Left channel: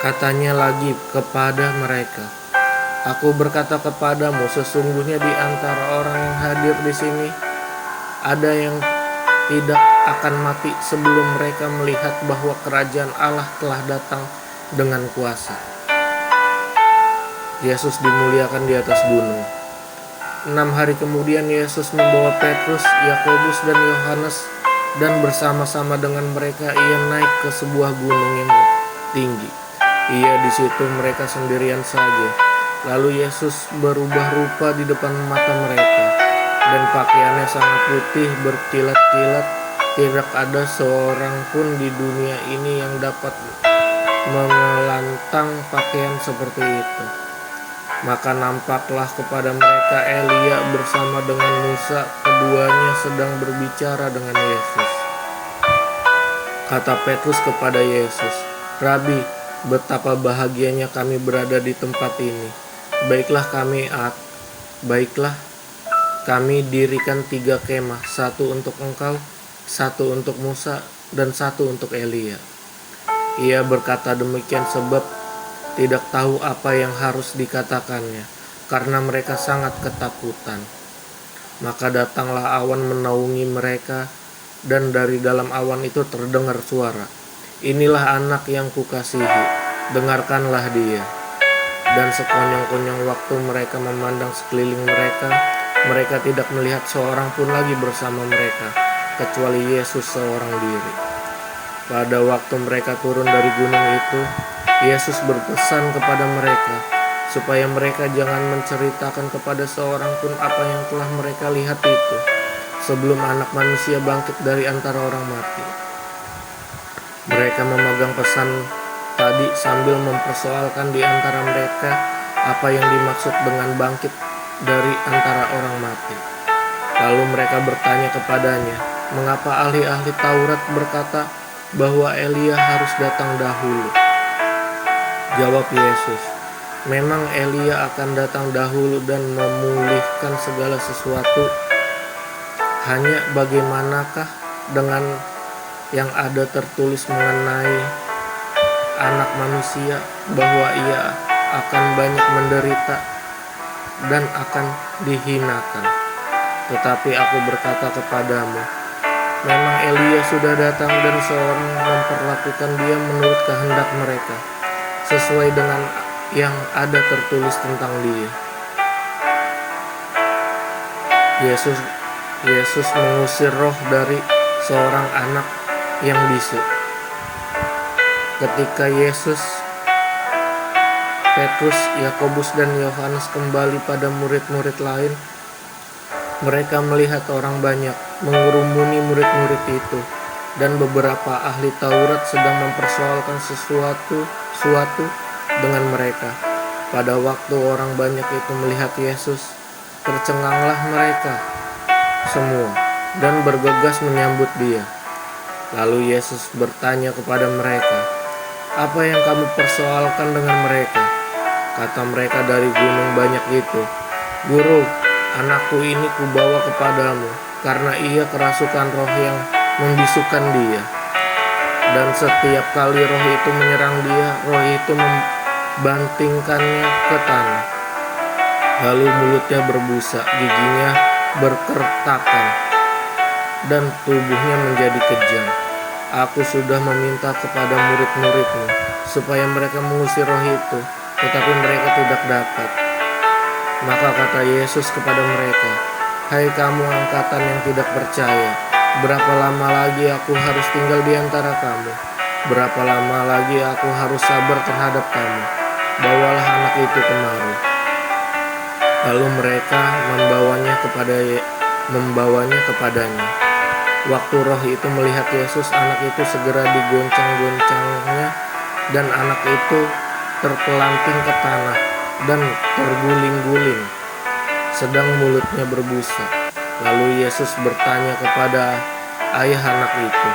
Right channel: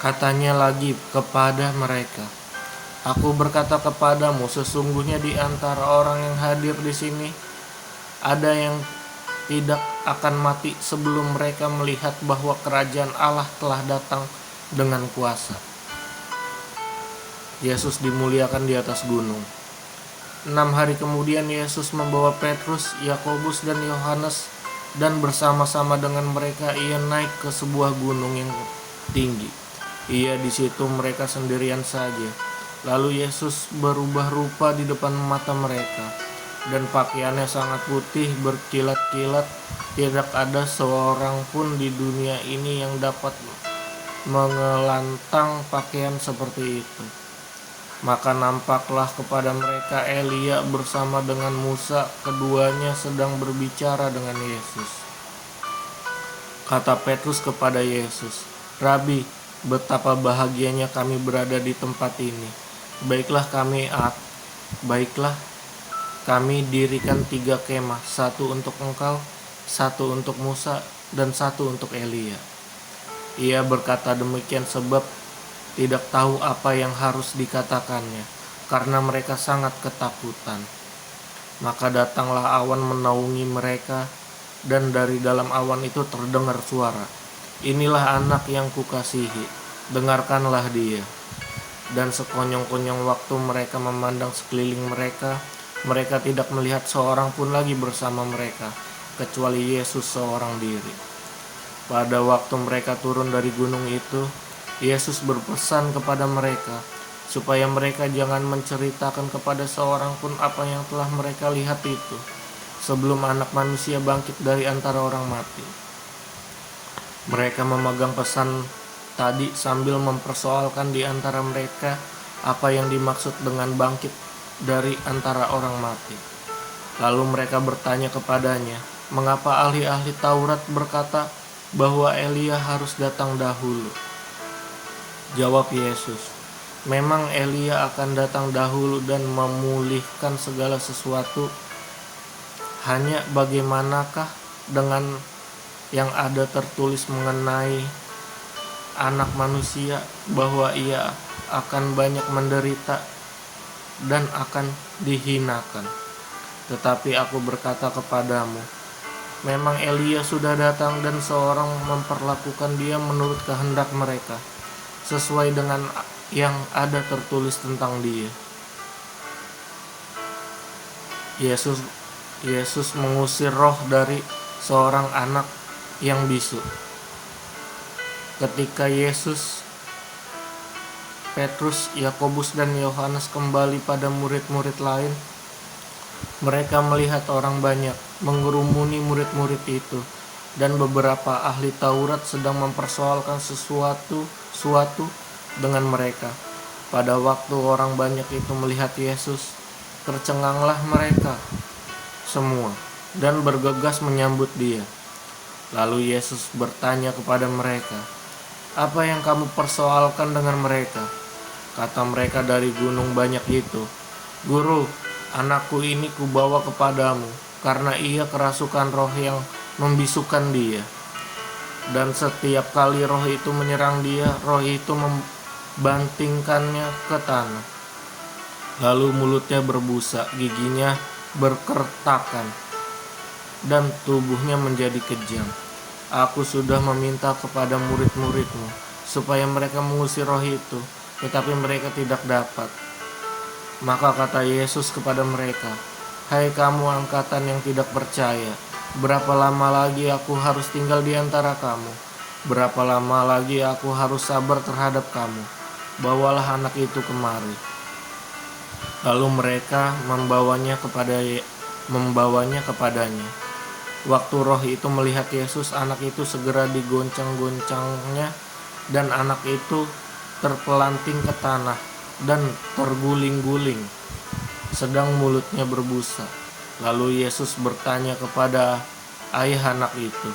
Katanya lagi kepada mereka, "Aku berkata kepadamu, sesungguhnya di antara orang yang hadir di sini ada yang tidak akan mati sebelum mereka melihat bahwa kerajaan Allah telah datang dengan kuasa." Yesus dimuliakan di atas gunung. 6 hari kemudian Yesus membawa Petrus, Yakobus, dan Yohanes, dan bersama-sama dengan mereka ia naik ke sebuah gunung yang tinggi. Ia di situ mereka sendirian saja. Lalu Yesus berubah rupa di depan mata mereka, dan pakaiannya sangat putih berkilat-kilat. Tidak ada seorang pun di dunia ini yang dapat mengelantang pakaian seperti itu. Maka nampaklah kepada mereka Elia bersama dengan Musa, keduanya sedang berbicara dengan Yesus. Kata Petrus kepada Yesus, "Rabi, betapa bahagianya kami berada di tempat ini. Baiklah kami dirikan 3 kemah, satu untuk engkau, satu untuk Musa, dan satu untuk Elia." Ia berkata demikian sebab tidak tahu apa yang harus dikatakannya, karena mereka sangat ketakutan. Maka datanglah awan menaungi mereka, dan dari dalam awan itu terdengar suara, "Inilah anak yang kukasihi, dengarkanlah dia." Dan sekonyong-konyong waktu mereka memandang sekeliling mereka, mereka tidak melihat seorang pun lagi bersama mereka, kecuali Yesus seorang diri. Pada waktu mereka turun dari gunung itu, Yesus berpesan kepada mereka supaya mereka jangan menceritakan kepada seorang pun apa yang telah mereka lihat itu, sebelum Anak Manusia bangkit dari antara orang mati. Mereka memegang pesan tadi sambil mempersoalkan di antara mereka apa yang dimaksud dengan bangkit dari antara orang mati. Lalu mereka bertanya kepadanya, "Mengapa ahli-ahli Taurat berkata bahwa Elia harus datang dahulu?" Jawab Yesus, "Memang Elia akan datang dahulu dan memulihkan segala sesuatu. Hanya bagaimanakah dengan yang ada tertulis mengenai Anak Manusia, bahwa ia akan banyak menderita dan akan dihinakan. Tetapi aku berkata kepadamu, memang Elia sudah datang dan seorang memperlakukan dia menurut kehendak mereka, sesuai dengan yang ada tertulis tentang dia." Yesus mengusir roh dari seorang anak yang bisu. Ketika Yesus, Petrus, Yakobus, dan Yohanes kembali pada murid-murid lain, mereka melihat orang banyak mengerumuni murid-murid itu, dan beberapa ahli Taurat sedang mempersoalkan sesuatu dengan mereka. Pada waktu orang banyak itu melihat Yesus, tercenganglah mereka semua dan bergegas menyambut dia. Lalu Yesus bertanya kepada mereka, "Apa yang kamu persoalkan dengan mereka?" Kata mereka dari gunung banyak itu, "Guru, anakku ini kubawa kepadamu, karena ia kerasukan roh yang membisukan dia. Dan setiap kali roh itu menyerang dia, roh itu membantingkannya ke tanah. Lalu mulutnya berbusa, giginya berkertakan, dan tubuhnya menjadi kejam. Aku sudah meminta kepada murid-muridmu supaya mereka mengusir roh itu, tetapi mereka tidak dapat." Maka kata Yesus kepada mereka, "Hai kamu angkatan yang tidak percaya, berapa lama lagi aku harus tinggal di antara kamu? Berapa lama lagi aku harus sabar terhadap kamu? Bawalah anak itu kemari." Lalu mereka membawanya kepadanya. Waktu roh itu melihat Yesus, anak itu segera digoncang-goncangnya, dan anak itu terpelanting ke tanah dan terguling-guling, sedang mulutnya berbusa. Lalu Yesus bertanya kepada ayah anak itu,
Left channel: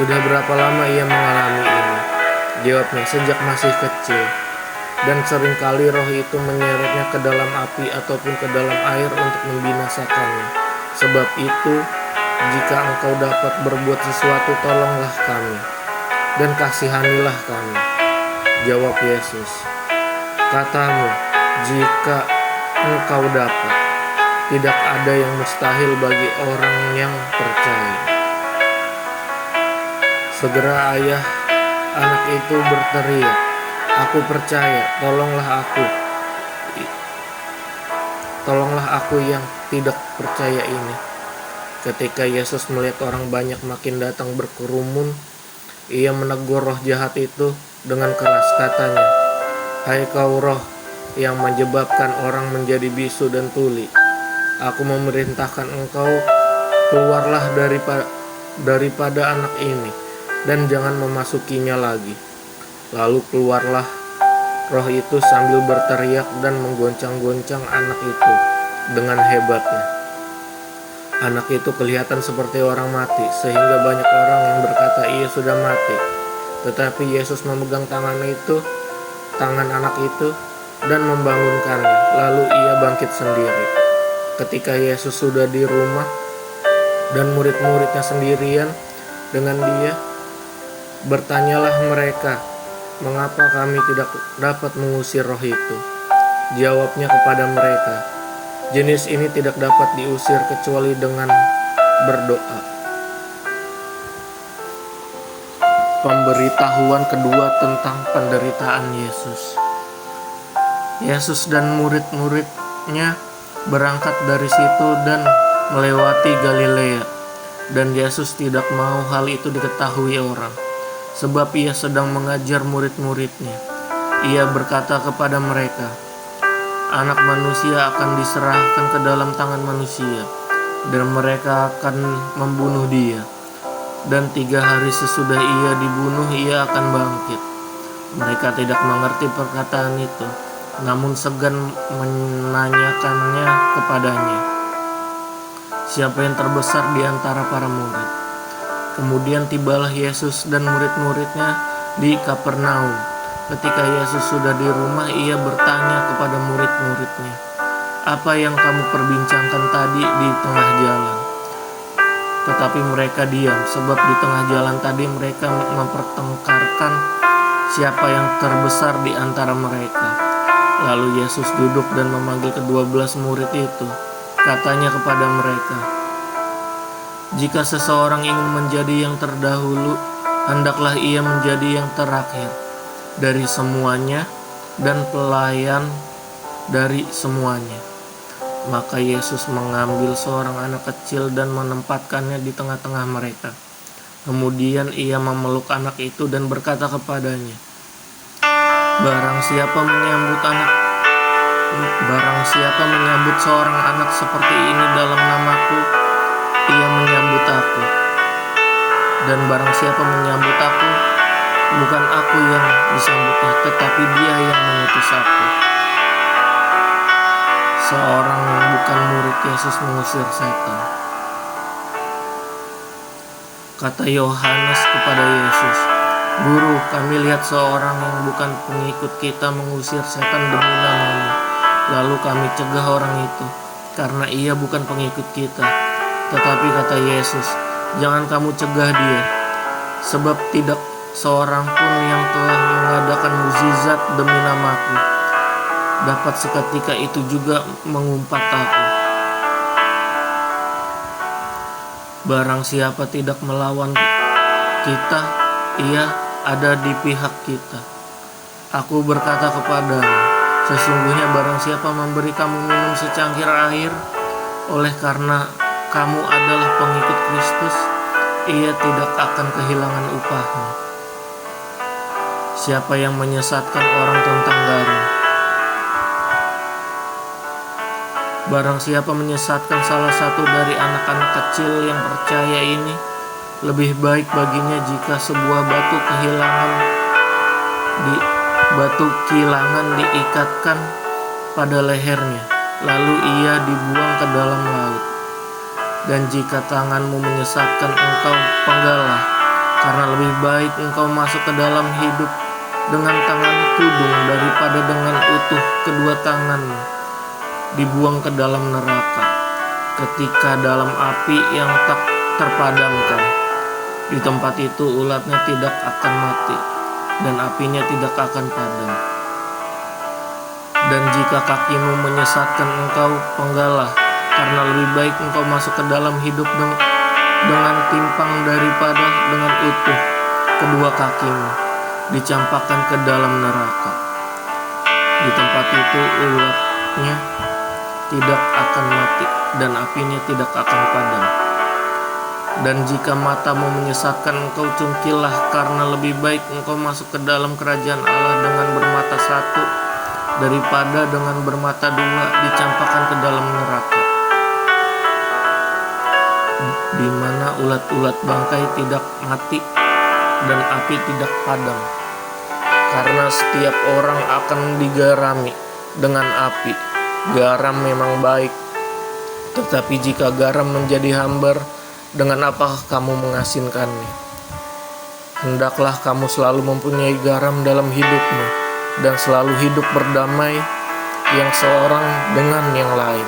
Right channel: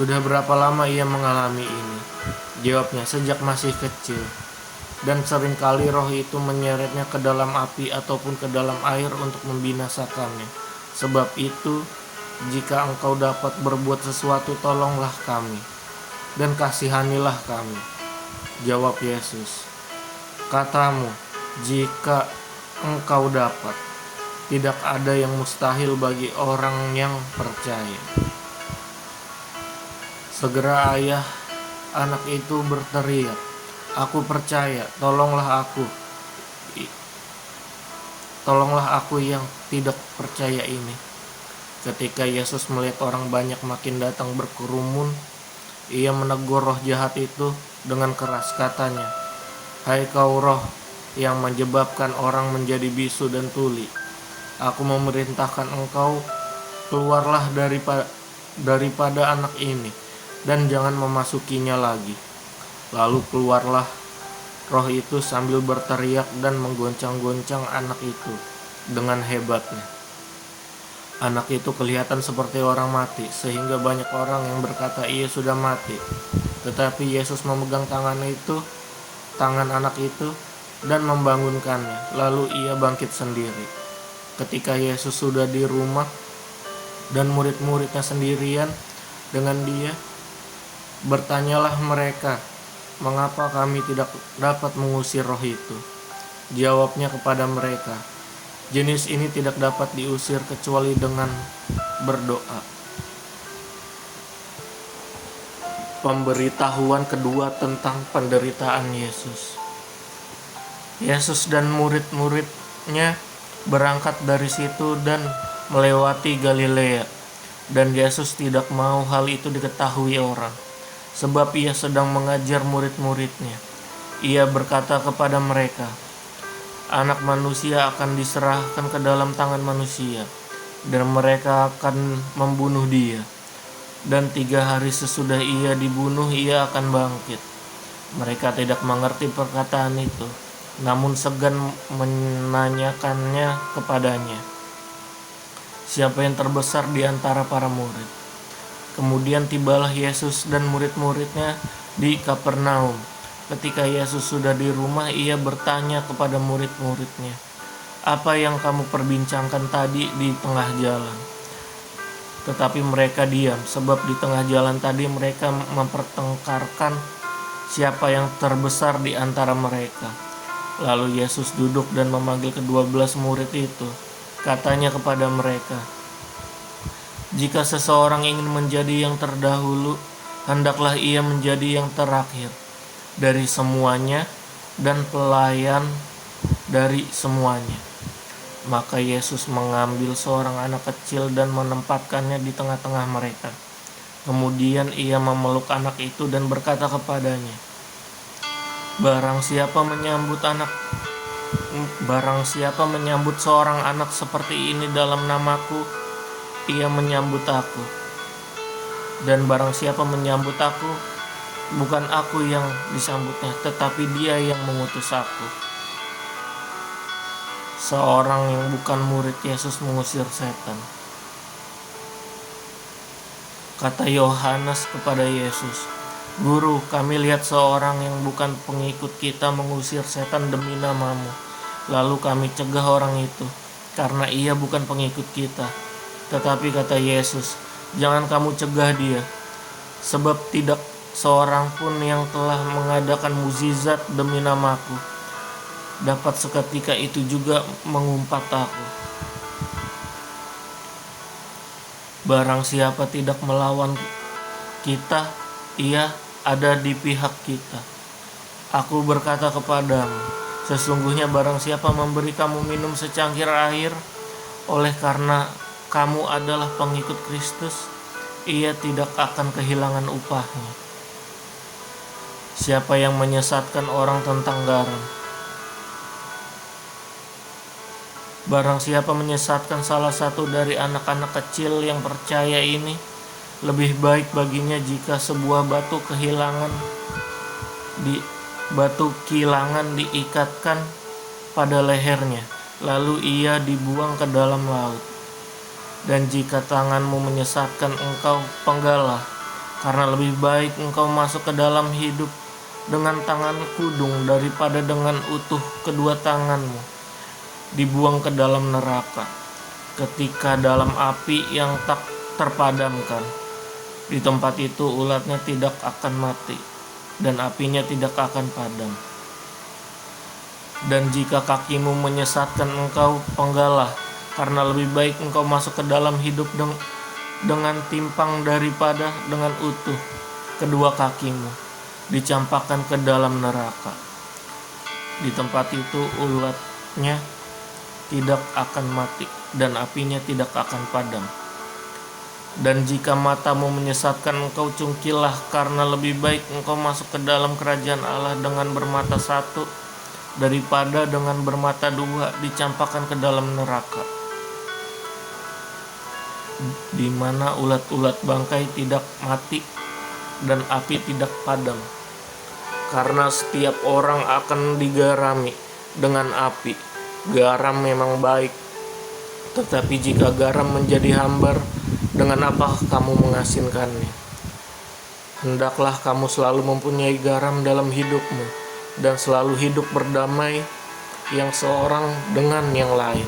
"Sudah berapa lama ia mengalami ini?" Jawabnya, "Sejak masih kecil. Dan seringkali roh itu menyeretnya ke dalam api ataupun ke dalam air untuk membinasakannya. Sebab itu, jika engkau dapat berbuat sesuatu, tolonglah kami dan kasihanilah kami." Jawab Yesus, "Katamu, jika engkau dapat, tidak ada yang mustahil bagi orang yang percaya." Segera ayah anak itu berteriak, "Aku percaya, tolonglah aku yang tidak percaya ini." Ketika Yesus melihat orang banyak makin datang berkerumun, ia menegur roh jahat itu dengan keras, katanya, "Hai kau roh yang menyebabkan orang menjadi bisu dan tuli, aku memerintahkan engkau, keluarlah daripada anak ini, dan jangan memasukinya lagi." Lalu keluarlah roh itu sambil berteriak dan menggoncang-goncang anak itu dengan hebatnya. Anak itu kelihatan seperti orang mati, sehingga banyak orang yang berkata ia sudah mati. Tetapi Yesus memegang tangan anak itu dan membangunkannya. Lalu ia bangkit sendiri. Ketika Yesus sudah di rumah dan murid-muridnya sendirian dengan dia, bertanyalah mereka, "Mengapa kami tidak dapat mengusir roh itu?" Jawabnya kepada mereka, "Jenis ini tidak dapat diusir kecuali dengan berdoa." Pemberitahuan kedua tentang penderitaan Yesus. Yesus dan murid-muridnya berangkat dari situ dan melewati Galilea, dan Yesus tidak mau hal itu diketahui orang, sebab ia sedang mengajar murid-muridnya. Ia berkata kepada mereka, "Anak manusia akan diserahkan ke dalam tangan manusia, dan mereka akan membunuh dia. Dan 3 hari sesudah ia dibunuh, ia akan bangkit." Mereka tidak mengerti perkataan itu, namun segan menanyakannya kepadanya, siapa yang terbesar di antara para murid. Kemudian tibalah Yesus dan murid-muridnya di Kapernaum. Ketika Yesus sudah di rumah, ia bertanya kepada murid-muridnya, "Apa yang kamu perbincangkan tadi di tengah jalan?" Tetapi mereka diam, sebab di tengah jalan tadi mereka mempertengkarkan siapa yang terbesar di antara mereka. Lalu Yesus duduk dan memanggil ke-12 murid itu. Katanya kepada mereka, "Jika seseorang ingin menjadi yang terdahulu, hendaklah ia menjadi yang terakhir dari semuanya dan pelayan dari semuanya." Maka Yesus mengambil seorang anak kecil dan menempatkannya di tengah-tengah mereka. Kemudian ia memeluk anak itu dan berkata kepadanya, Barang siapa menyambut seorang anak seperti ini dalam namaku, ia menyambut aku. Dan barang siapa menyambut aku, bukan aku yang disambutnya, tetapi dia yang mengutus aku." Seorang bukan murid Yesus mengusir setan. Kata Yohanes kepada Yesus, "Guru, kami lihat seorang yang bukan pengikut kita mengusir setan demi namamu. Lalu kami cegah orang itu, karena ia bukan pengikut kita." Tetapi kata Yesus, "Jangan kamu cegah dia, sebab tidak seorang pun yang telah mengadakan mukjizat demi namaku dapat seketika itu juga mengumpat aku. Barang siapa tidak melawan kita, ia ada di pihak kita. Aku berkata kepadamu, sesungguhnya barang siapa memberi kamu minum secangkir air oleh karena kamu adalah pengikut Kristus, ia tidak akan kehilangan upahnya. Siapa yang menyesatkan orang tentang garam? Barang siapa menyesatkan salah satu dari anak-anak kecil yang percaya ini, lebih baik baginya jika sebuah batu kilangan diikatkan pada lehernya, lalu ia dibuang ke dalam laut. Dan jika tanganmu menyesatkan engkau, penggalah, karena lebih baik engkau masuk ke dalam hidup dengan tangan kudung daripada dengan utuh kedua tanganmu dibuang ke dalam neraka, ketika dalam api yang tak terpadamkan. Di tempat itu ulatnya tidak akan mati, dan apinya tidak akan padam. Dan jika kakimu menyesatkan engkau, penggalah, karena lebih baik engkau masuk ke dalam hidup dengan timpang daripada dengan utuh kedua kakimu dicampakkan ke dalam neraka. Di tempat itu ulatnya tidak akan mati dan apinya tidak akan padam. Dan jika matamu menyesatkan engkau, cungkilah, karena lebih baik engkau masuk ke dalam kerajaan Allah dengan bermata satu daripada dengan bermata dua dicampakkan ke dalam neraka, di mana ulat-ulat bangkai tidak mati dan api tidak padam. Karena setiap orang akan digarami dengan api. Garam memang baik, tetapi jika garam menjadi hambar, dengan apakah kamu mengasinkannya? Hendaklah kamu selalu mempunyai garam dalam hidupmu, dan selalu hidup berdamai yang seorang dengan yang lain.